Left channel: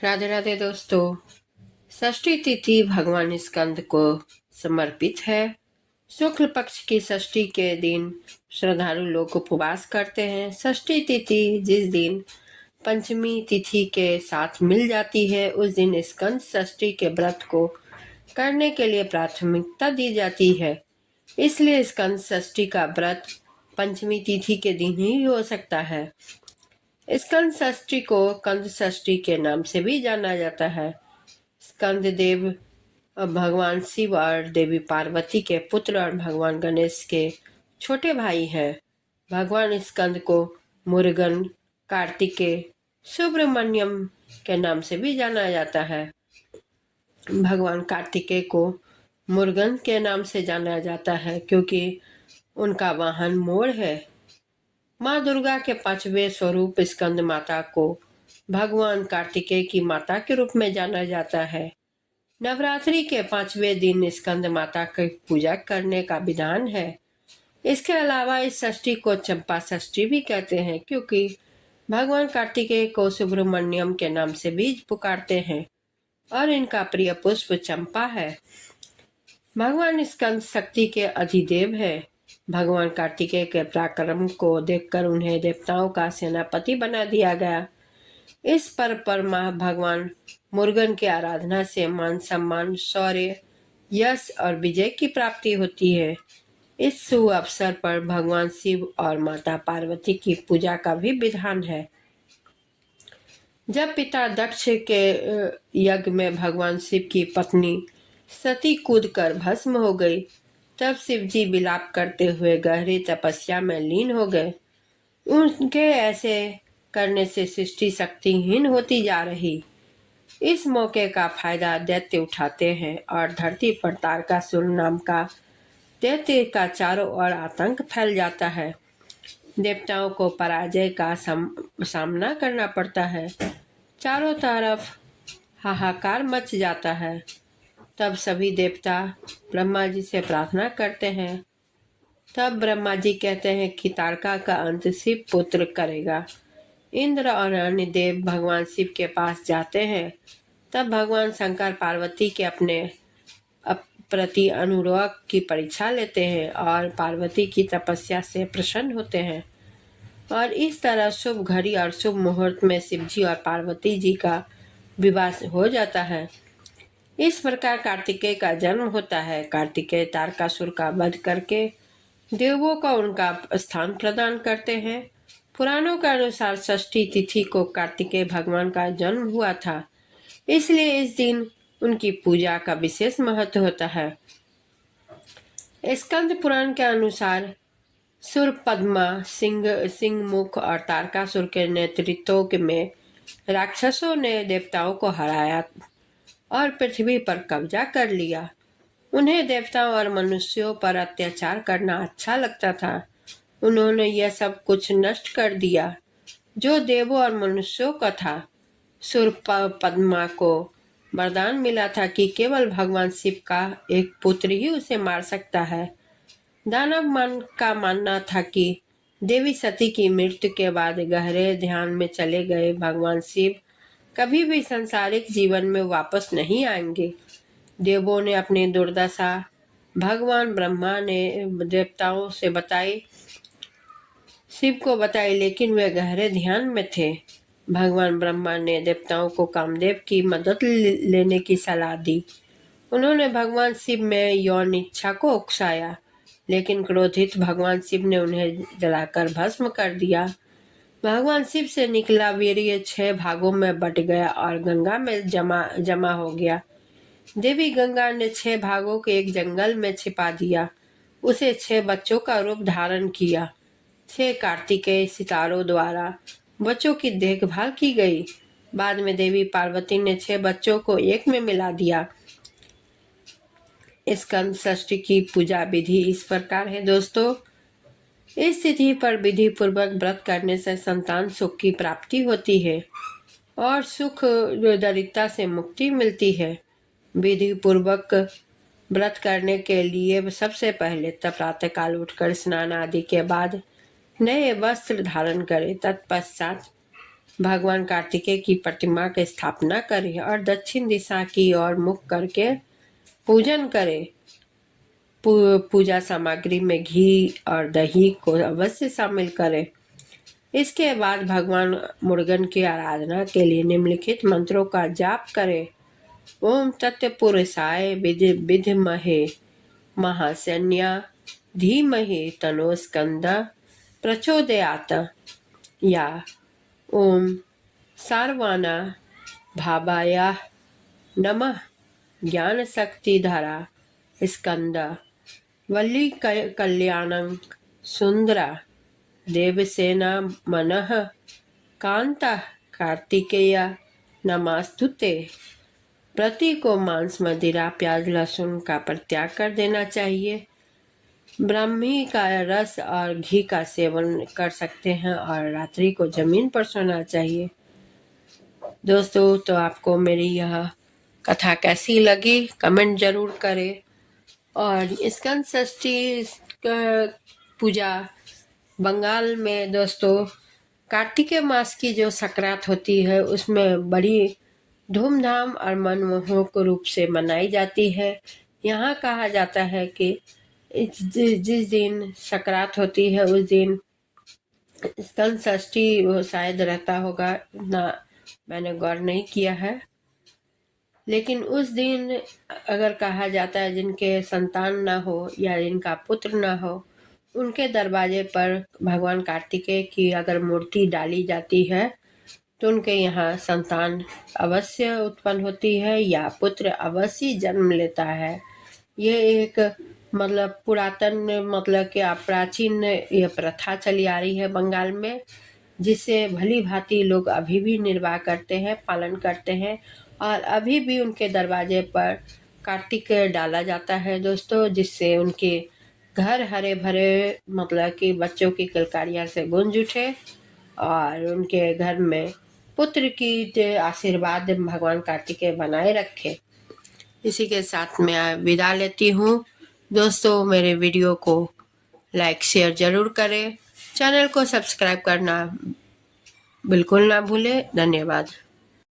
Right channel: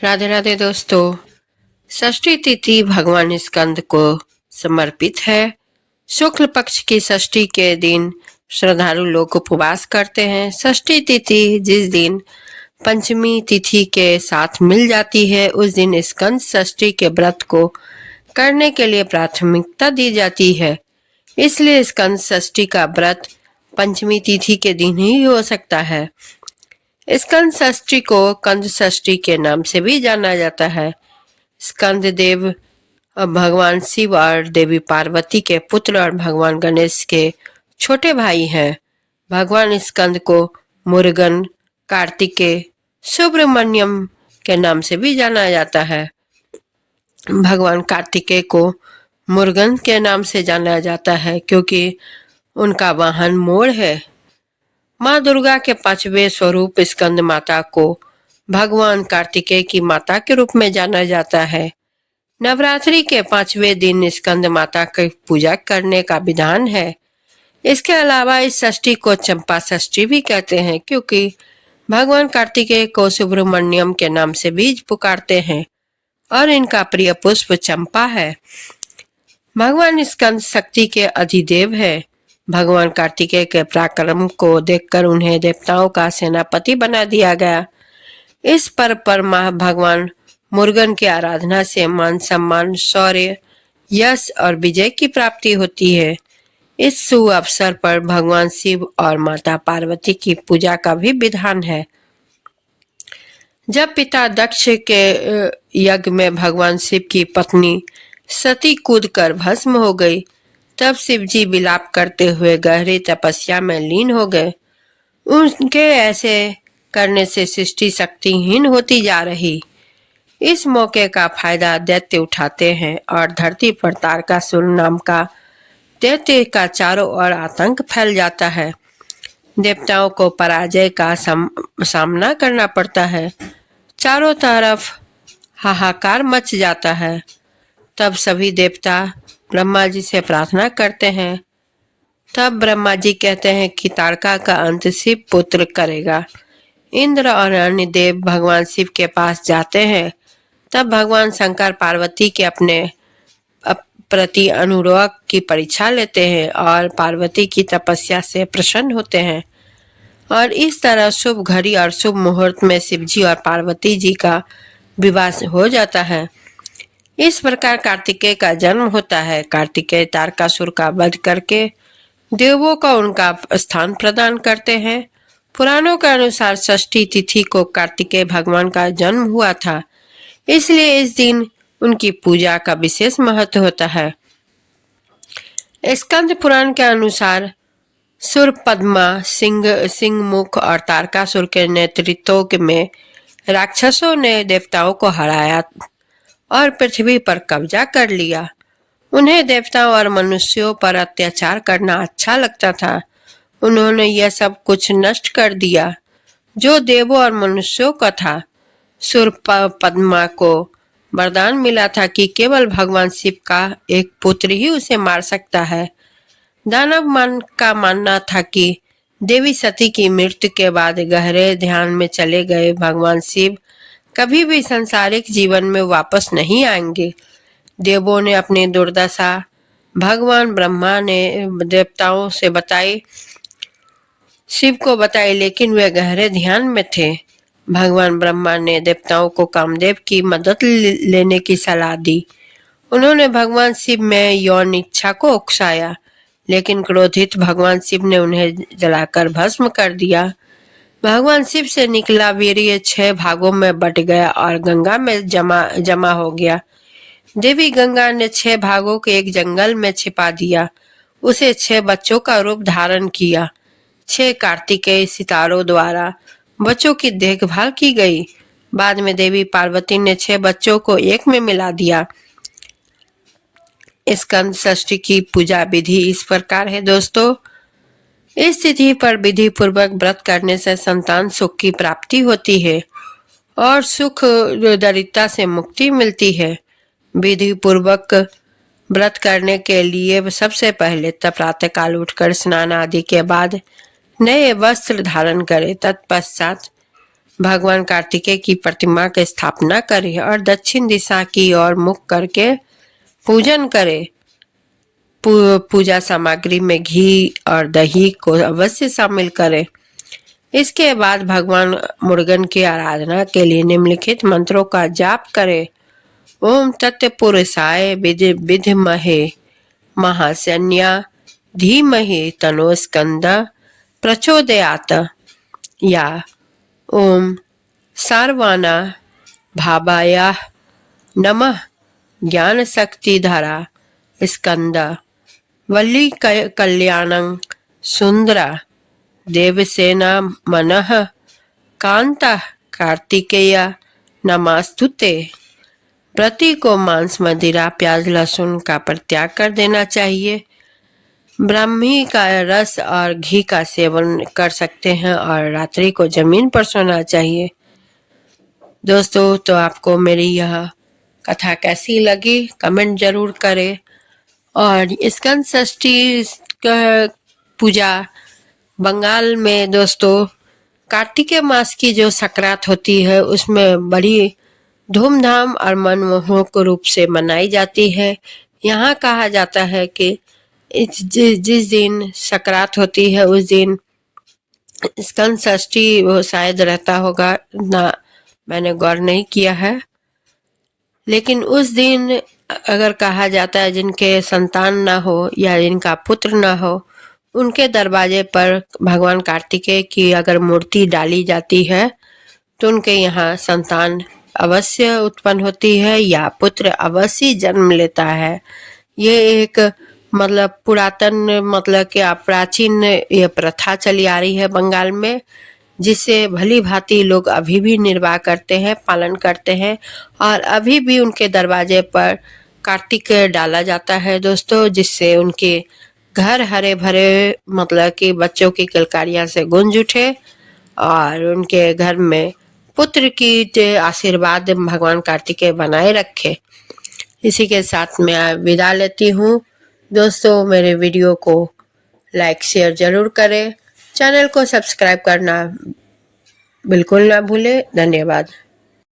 राधे राधे दोस्तों। षष्ठी तिथि भगवान स्कंद को समर्पित है। शुक्ल पक्ष की षष्ठी के दिन श्रद्धालु लोग उपवास करते हैं। षष्ठी तिथि जिस दिन पंचमी तिथि के साथ मिल जाती है उस दिन स्कंद षष्ठी के व्रत को करने के लिए प्राथमिकता दी जाती है। इसलिए स्कंद षष्ठी का व्रत पंचमी तिथि के दिन ही हो सकता है। स्कंद षष्ठी को कंद षष्ठी के नाम से भी जाना जाता है। स्कंद देव भगवान शिव और देवी पार्वती के पुत्र और भगवान गणेश के छोटे भाई हैं। भगवान स्कंद को मुरुगन, कार्तिकेय, सुब्रमण्यम के नाम से भी जाना जाता है। भगवान कार्तिकेय को मुरुगन के नाम से जाना जाता है क्योंकि उनका वाहन मोर है। माँ दुर्गा के पांचवें स्वरूप स्कंद माता को भगवान कार्तिकेय की माता के रूप में जाना जाता है। नवरात्रि के 5वें दिन स्कंद माता की पूजा करने का विधान है। इसके अलावा इस षष्ठी को चंपा षष्ठी भी कहते हैं क्योंकि भगवान कार्तिकेय को सुब्रमण्यम के नाम से भी पुकारते हैं और इनका प्रिय पुष्प चंपा है। भगवान स्कंद शक्ति के अधिदेव है। भगवान कार्तिकेय के पराक्रम को देखकर उन्हें देवताओं का सेनापति बना दिया गया। इस पर्व पर भगवान मुरुगन की आराधना से मान सम्मान, शौर्य, यश और विजय की प्राप्ति होती है। इस शुभ अवसर पर भगवान शिव और माता पार्वती की पूजा का भी विधान है। जब पिता दक्ष के यज्ञ में भगवान शिव की पत्नी सती कूदकर भस्म हो गई, तब शिवजी विलाप करते हुए गहरी तपस्या में लीन हो गए। उनके ऐसे करने से सृष्टि शक्तिहीन होती जा रही। इस मौके का फायदा दैत्य उठाते हैं और धरती पर तारकासुर नाम का दैत्य का चारों ओर आतंक फैल जाता है। देवताओं को पराजय का सामना करना पड़ता है। चारों तरफ हाहाकार मच जाता है। तब सभी देवता ब्रह्मा जी से प्रार्थना करते हैं। तब ब्रह्मा जी कहते हैं कि तारका का अंत शिव पुत्र करेगा। इंद्र और अन्य देव भगवान शिव के पास जाते हैं। तब भगवान शंकर पार्वती के अपने प्रति अनुराग की परीक्षा लेते हैं और पार्वती की तपस्या से प्रसन्न होते हैं और इस तरह शुभ घड़ी और शुभ मुहूर्त में शिवजी और पार्वती जी का विवाह हो जाता है। इस प्रकार कार्तिकेय का जन्म होता है। कार्तिकेय तारकासुर का वध करके देवों को उनका स्थान प्रदान करते हैं। पुराणों के अनुसार षष्ठी तिथि को कार्तिकेय भगवान का जन्म हुआ था, इसलिए इस दिन उनकी पूजा का विशेष महत्व होता है। स्कंद पुराण के अनुसार सुरपद्मा, सिंह मुख और तारकासुर के नेतृत्व में राक्षसों ने देवताओं को हराया और पृथ्वी पर कब्जा कर लिया। उन्हें देवताओं और मनुष्यों पर अत्याचार करना अच्छा लगता था। उन्होंने यह सब कुछ नष्ट कर दिया जो देवों और मनुष्यों का था। सुरपद्मा को वरदान मिला था कि केवल भगवान शिव का एक पुत्र ही उसे मार सकता है। दानव मन का मानना था कि देवी सती की मृत्यु के बाद गहरे ध्यान में चले गए भगवान शिव कभी भी सांसारिक जीवन में वापस नहीं आएंगे। देवों ने अपनी दुर्दशा भगवान ब्रह्मा ने देवताओं से बताई, शिव को बताई, लेकिन वे गहरे ध्यान में थे। भगवान ब्रह्मा ने देवताओं को कामदेव की मदद लेने की सलाह दी। उन्होंने भगवान शिव में यौन इच्छा को उकसाया, लेकिन क्रोधित भगवान शिव ने उन्हें जलाकर भस्म कर दिया। भगवान शिव से निकला वीर्य 6 भागों में बट गया और गंगा में जमा हो गया। देवी गंगा ने 6 भागों को एक जंगल में छिपा दिया। उसे 6 बच्चों का रूप धारण किया। 6 कार्तिकेय सितारों द्वारा बच्चों की देखभाल की गई। बाद में देवी पार्वती ने 6 बच्चों को एक में मिला दिया। स्कंद षष्ठी की पूजा विधि इस प्रकार है दोस्तों। इस तिथि पर विधि पूर्वक व्रत करने से संतान सुख की प्राप्ति होती है और सुख दरिद्रता से मुक्ति मिलती है। विधि पूर्वक व्रत करने के लिए सबसे पहले प्रातःकाल उठकर स्नान आदि के बाद नए वस्त्र धारण करें। तत्पश्चात भगवान कार्तिकेय की प्रतिमा की स्थापना करें और दक्षिण दिशा की ओर मुख करके पूजन करें। पूजा सामग्री में घी और दही को अवश्य शामिल करें। इसके बाद भगवान मुरुगन की आराधना के लिए निम्नलिखित मंत्रों का जाप करें। ओम तत्पुरुषाय विद्महे महाशन्या धीमहि तन्नो स्कंदः प्रचोदयात्, या ओम सर्वाना भावाय नमः ज्ञान शक्तिधरा स्कंद वल्ली कल्याणं सुंदरा देवसेना मनः कांता कार्तिकेय नमस्तुते। प्रति को मांस, मदिरा, प्याज, लहसुन का परित्याग कर देना चाहिए। ब्राह्मी का रस और घी का सेवन कर सकते हैं और रात्रि को जमीन पर सोना चाहिए। दोस्तों, तो आपको मेरी यह कथा कैसी लगी कमेंट जरूर करें। और स्कंद षष्ठी पूजा बंगाल में दोस्तों कार्तिक मास की जो संक्रांत होती है उसमें बड़ी धूमधाम और मनमोहक रूप से मनाई जाती है। यहाँ कहा जाता है कि जिस दिन संक्रांत होती है उस दिन स्कंद षष्ठी वो शायद रहता होगा, ना मैंने गौर नहीं किया है। लेकिन उस दिन अगर कहा जाता है जिनके संतान ना हो या जिनका पुत्र ना हो, उनके दरवाजे पर भगवान कार्तिकेय की अगर मूर्ति डाली जाती है तो उनके यहाँ संतान अवश्य उत्पन्न होती है या पुत्र अवश्य जन्म लेता है। ये एक मतलब पुरातन मतलब कि प्राचीन ये प्रथा चली आ रही है बंगाल में, जिससे भली भांति लोग अभी भी निर्वाह करते हैं, पालन करते हैं और अभी भी उनके दरवाजे पर कार्तिक डाला जाता है दोस्तों, जिससे उनके घर हरे भरे मतलब कि बच्चों की किलकारियां से गूंज उठे और उनके घर में पुत्र की आशीर्वाद भगवान कार्तिकेय बनाए रखे। इसी के साथ मैं विदा लेती हूँ दोस्तों। मेरे वीडियो को लाइक शेयर जरूर करें, चैनल को सब्सक्राइब करना बिल्कुल ना भूलें। धन्यवाद।